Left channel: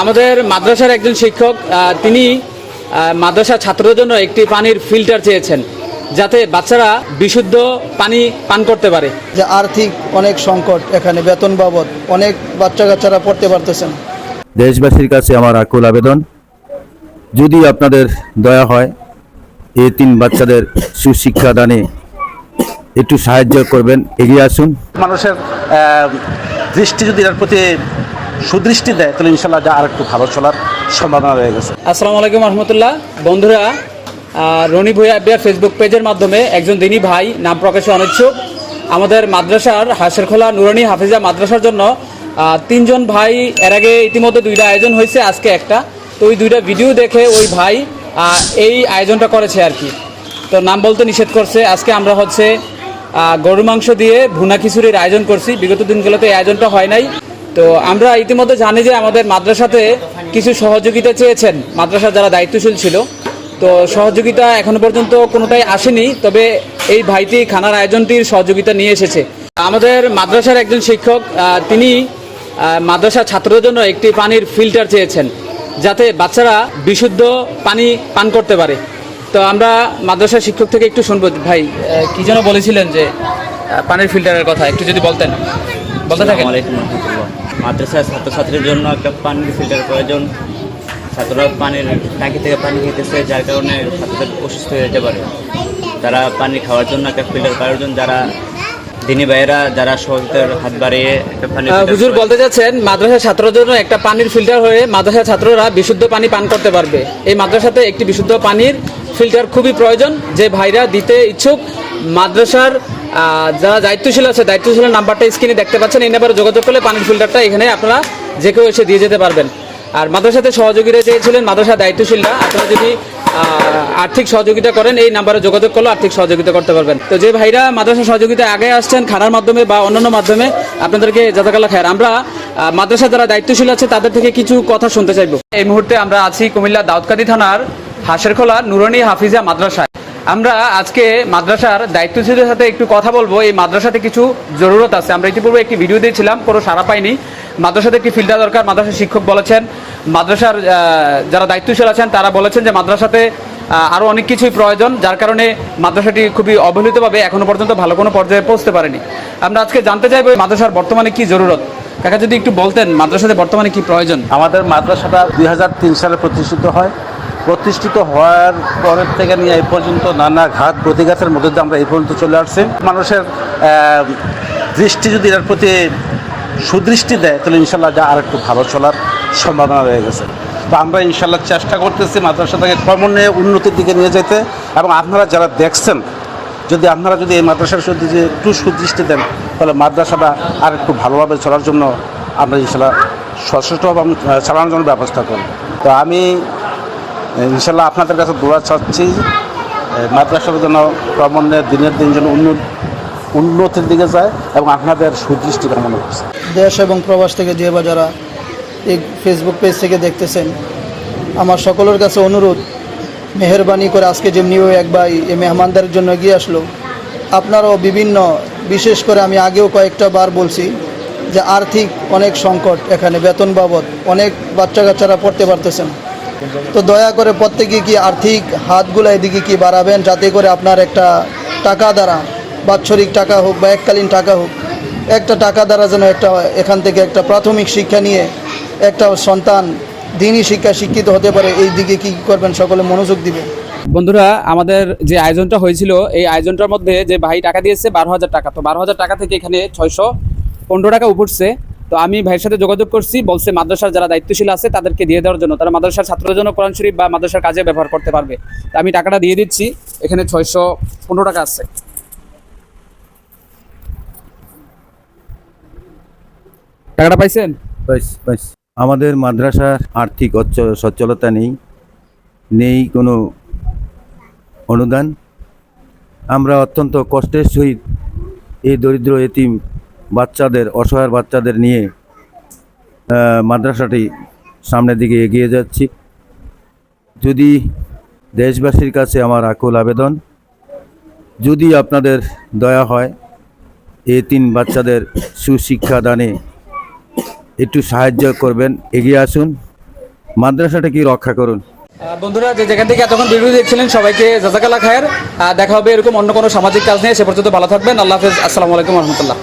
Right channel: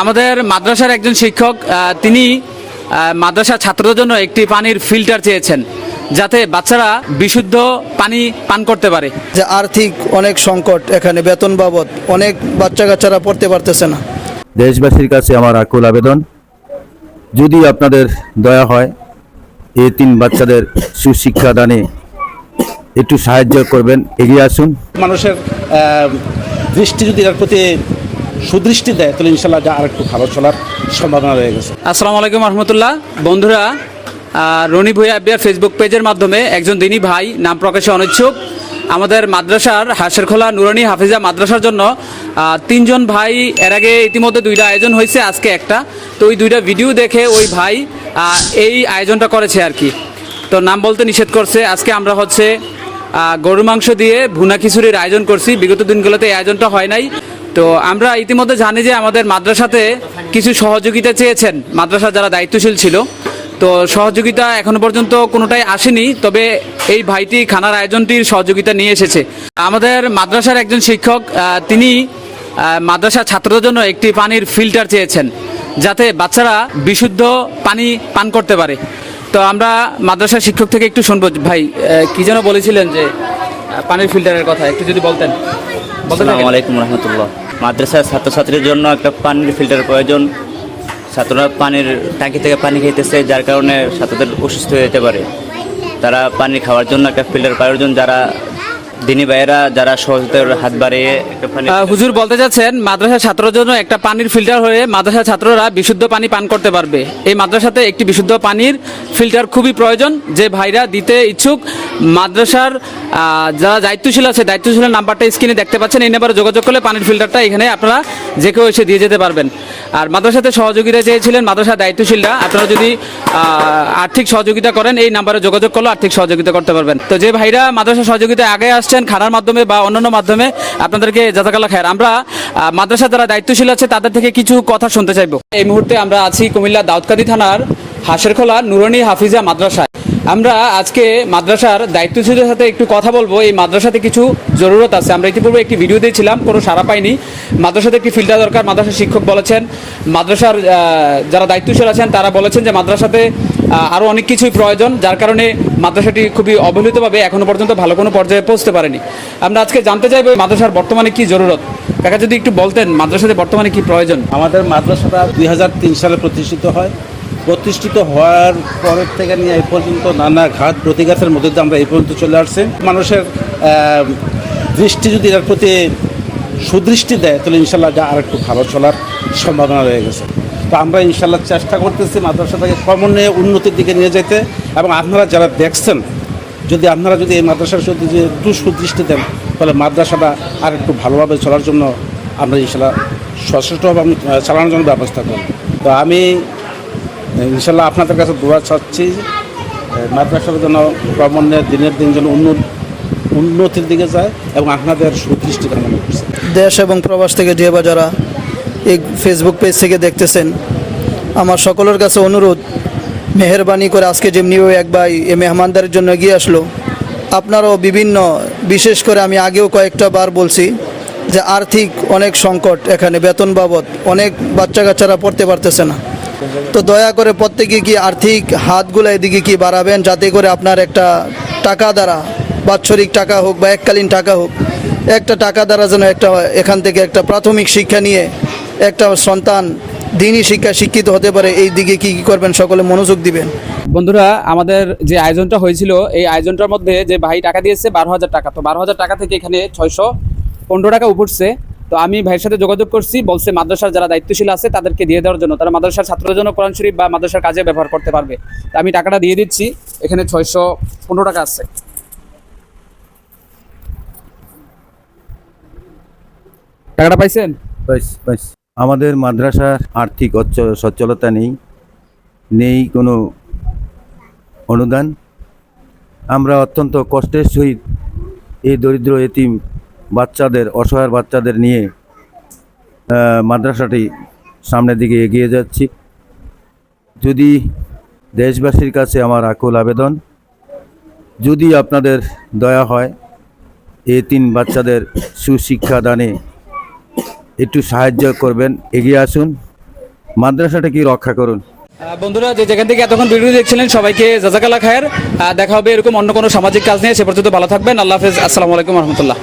আমাদের মাদ্রাসার একজন শিক্ষক তিনি মাদ্রাসা ছাত্রদের জন্য একটি পানির ফিল্টার চেয়েছেন যাতে বাচ্চারা বিশুদ্ধ পানি পান করতে পারে। যে আর্থিক অনেক সংকট, এখানে বেতন বাবদ অনেক বাচ্চা কাচ্চারা পড়তে পারতেছে না। দেশবাসীর কাছে আমার আকুল আবেদন, যদি আপনাদের দয়া হয় এই 3 বাচ্চাদের সুশিক্ষা দানে একটু সাহায্য করবেন, এগিয়ে আসুন। মানুষের দৃষ্টি যদি এর প্রতি সুদৃষ্টি দেয় তাহলে ইনশাল্লাহ যা আর একটু ভালো চলার সম্ভাবনা রয়ে গেছে। আসসালামু আলাইকুম রহমতুল্লাহ। বন্ধুরা, রনি ভূঁইয়া আব্বিয়ার ফেসবুক পেজের মাধ্যমে একজন দিনী ভাই নাম প্রকাশে অনিচ্ছুক আমাদের মাদ্রাসার হাসেরখোলা নুরানি হাফিজা মাদ্রাসার জন্য 3 জন ভাই এর আগে ইতিমধ্যে 2টা আয়োজন হয়েছে, আজকে একটা। তো ওই 2টা ভিডিও দেখে ওই ভাই এই আয়োজনটা করেছে আর কি। তো নাম বলতে নিষেধ করছে। আজকে আমরা হচ্ছে গরুর মাংস দিয়ে ভুনা খিচুড়ির আয়োজন করছি। বিগত দিনগুলোতে এই আয়োজনটা হয় নাই। তো আমরা ইতিমধ্যে জানি যে আমাদের মাদ্রাসাতে কিছু সহযোগিতা চেয়েছেন মাদ্রাসার যারা দায়িত্বশীল ছিল। তো সহযোগিতা এখনো পর্যন্ত কোনোটাই আসেনি, তবে এই ভাইটি খানার আয়োজনটির সহযোগিতা নিয়ে এসেছে। আমাদের মাদ্রাসার একজন শিক্ষক তিনি মাদ্রাসা ছাত্রদের জন্য একটি পানির ফিল্টার চেয়েছেন যাতে বাচ্চারা বিশুদ্ধ পানি পান করতে পারে। তো আমরা মাদ্রাসার শিক্ষক থেকে একটু শুনবো। ভাই কি যেন বলেছিলেন যে পানির ফিল্টারের কথা, একটু যদি বলতেন। আসসালামু আলাইকুম রহমতুল্লাহ। মাদ্রাসার ছাত্রছাত্রীর জন্য একটা পানির ফিল্টার প্রয়োজন। ছাত্ররা পানির ট্যাঙ্কি থেকে পানি খেতেছে, যার কারণে ছাত্রদের অসুস্থ হয়ে যেতে পারে। তারা পানি খাওয়ার জন্য একটা ফিল্টার প্রয়োজন। যারা দিনী ভাইয়েরা যারা সহযোগিতার হাত বাড়িয়ে একটা পানি হুজুর বলতে যাচ্ছেন মাদ্রাসার ছাত্রদের জন্য একটা পানির ফিল্টার হয়ে মাদ্রাসার ছাত্ররা বিশুদ্ধ পানি পান করতে পারবে। এই মাদ্রাসাতে একটি বিশুদ্ধ পানির ফিল্টার খুবই প্রয়োজন। যে ভাইরা দিতে ইচ্ছুক মাদ্রাসার যারা দায়িত্বশীল আছে, দায়িত্বশীলের নাম্বারটা স্ক্রিনে দেখতে পাচ্ছেন। এই নাম্বারে যোগাযোগ করলে পানির ফিল্টারটা এখানে আপনারা যে কেউ এসে দিয়ে যেতে পারবেন। আর মাদ্রাসাতে সহযোগিতা চেয়েছিলেন মাদ্রাসার দায়িত্বশীলরা, আপনারা যদি আর্থিক সহযোগিতা করেন এই নাম্বারে যোগাযোগ করলে আর্থিক সহযোগিতা করতে পারবেন। তো যে ভাইরা মাদ্রাসা সহযোগিতা আগে আসছেন খানার মাধ্যমে বা অন্যান্য মাধ্যমে, আপনাদেরকে জাযাকাল্লাহ খায়ের। আমরা মাদ্রাসা যারা দায়িত্বশীল আছে তাদের থেকে কিছু কথা শুনতে চাইবো। এই মুহূর্তে আমরা আছি কুমিল্লা দাউদকান্দি থানার হাসেরখোলা নুরানি হাফিজা মাদ্রাসায়। আমরা আজকে মাদ্রাসার দায়িত্বশীলের সাথে একটু কথা বলবো। এই মাদ্রাসাতে কিছু জরুরত আছে। আমরা ইতিপূর্বে একটি ভিডিও দিয়েছিলাম, কোনো সাড়া পাইনি। মাদ্রাসাতে একটি ফিল্টার দরকার। মাদ্রাসার শিক্ষক বলেছেন, মাদ্রাসার যারা দায়িত্বশীল আছেন তারা বলেছেন যে মাদ্রাসাতে আরও অনেক কিছুই প্রয়োজন, যার কারণে মাদ্রাসাটি খুবই অবহেলিতভাবে এখনও পর্যন্ত ভালো কোনো পর্যায়ে পৌঁছতে পারেনি। আমরা আজকে জানতে চাইবো মাদ্রাসার বর্তমানে কি জরুরত। কাকা যদি একটু বলতেন মাদ্রাসাতে বর্তমানে কি প্রয়োজন। আমাদের মাদ্রাসাটা 2003 সালে প্রতিষ্ঠিত হয়। প্রতিষ্ঠিত হওয়ার পরের থেকে নিয়ে এই পর্যন্ত নানা ঘাত প্রতিঘাতের মধ্যে দিয়ে আমরা এই পর্যন্ত চলে আসছি। মানুষের দৃষ্টি যদি এর প্রতি সুদৃষ্টি দেয় তাহলে ইনশাল্লাহ যা আর একটু ভালো চলার সম্ভাবনা রয়ে গেছে। তো আমরা ইনশাল্লাহ চেষ্টা করতেছি মাদ্রাসাটাকে ক্রমান্বয়ে উন্নতির দিকে নিয়ে যেতে। এবং আপনারা যারা দেখছেন, আপনারা যদি এই মাদ্রাসার সাথে যে একটু সুদৃষ্টি দেন তাহলে মাদ্রাসাটা আর একটু ভালোভাবে চলার জন্য আমরা ইনশাল্লাহ সচেষ্টভাবে চালানোর জন্য ব্যবস্থা করব। তো আমি ইনশাল্লাহ আপনাদের কাছে দোয়া চাচ্ছি মাদ্রাসার যেন ক্রমান্বয়ে দিনের দিন যেন উন্নতির দিকে যায় এবং আপনাদের সুদৃষ্টি কামনা করছে। দেশ এবং প্রবাস থেকে যে বা যারা এই ফেসবুক পেজ থেকে দেখতেছেন, আমার সকলের কাছে অনুরোধ, মেহেরবানি করে আজকে যেমনি ওই এক ভাই এই মেহমানদারের জন্য এগিয়ে আসলো, আপনারাও বিশেষ করে আমি আগেও কয়েকটা বার বলছি যে আর্থিক অনেক সংকট, এখানে বেতন বাবদ অনেক বাচ্চা কাচ্চারা পড়তে পারতেছে না। তো দয়া করে প্রত্যেকে কি আর্থিক হাতগুলো এদিকে কি বাড়াবেন, যাতে করে আপনার একটা টাকা দ্বারা, বাৎসরিক টাকা হোক বা এককালীন টাকা হোক, একটা টাকা দ্বারা যেন একটা এখান থেকে একটা প্রাথমিক শিক্ষা নিয়ে একটা সন্তান দিনই শিক্ষিত হতে পারে। এই দিকে কি করবেন, সকলে মনোযোগ দিবেন। বন্ধুরা, আমাদের যে আয়োজনটা হয়েছিল এই আয়োজনটার মধ্যে যে ভাই টাকা দিয়েছে 12,000 টাকা। তো 12,000 টাকা থেকে এখানে 615 টাকা উঠছে। তো আমি ভাইয়ের সাথে যোগাযোগ করছি, বলছে মাদ্রাসার যারা দায়িত্বশীল আছে তাদেরকে দিয়ে দেওয়ার জন্য, তারা মাদ্রাসার ছাত্রদের জন্য কোরআন শরীফ বা মাদ্রাসার কাজে ব্যবহার করতে পারবে। তো আমি টাকাটা দিয়ে দিচ্ছি। এখানে 615 টাকা আছে। টাকাটা পাইছেন? আমাদের মাদ্রাসার আর্থিক সচ্ছলতা নেই কোনো অনুদান। আমরা অত্যন্ত কষ্টের সহিত এই দরিদ্র এতিম বাচ্চাদের, অসহায় বাচ্চাদের নিয়ে মাদ্রাসাটি সামনের দিকে এগিয়ে যাচ্ছি। যদি দেশবাসীর কাছে আমার আকুল আবেদন, যদি আপনাদের দয়া হয় এই 3 বাচ্চাদের সুশিক্ষা দানে একটু সাহায্য করবেন, এগিয়ে আসুন। মাদ্রাসাটাকে রক্ষা করুন। বন্ধুরা যে যেখান থেকে এতক্ষণ ভিডিও দেখছিলেন সবাইকে জাজাকাল্লাহ খায়ের। দেখা হবে এরকম অন্য কোনো সামাজিক কাজ নিয়ে। সে পর্যন্ত ভালো থাকবেন। আল্লাহ হাফেজ। আসসালামু আলাইকুম রহমতুল্লাহ।